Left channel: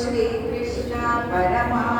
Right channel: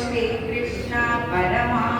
श्रीकृष्ण परमा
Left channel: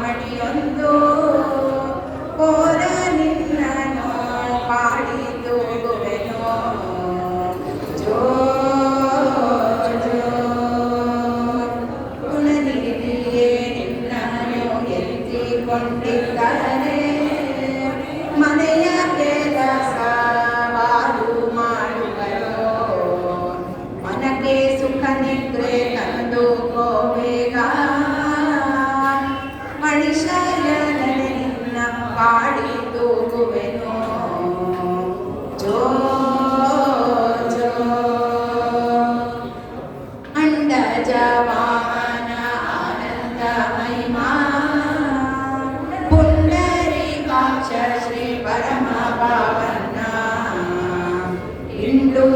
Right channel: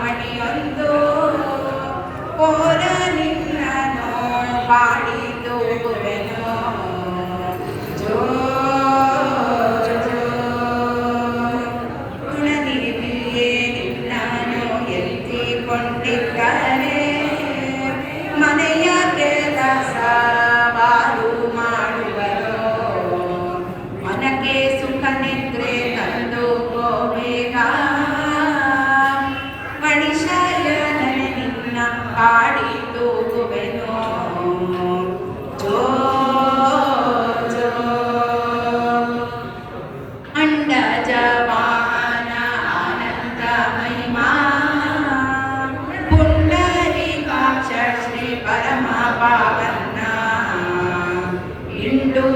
ಮಡಿಯೊಂದು ಪೋರ ನಿನ್ನನು ಮಾಡಿದು ಗುರುವೆನೋ ಜೋ. ಗುಣನಿರಿಯೇ ನಿನ್ನನು ಎತ್ತಿಕೊಂಡಿದ್ದಾರೆ. ಮನೆಯ libro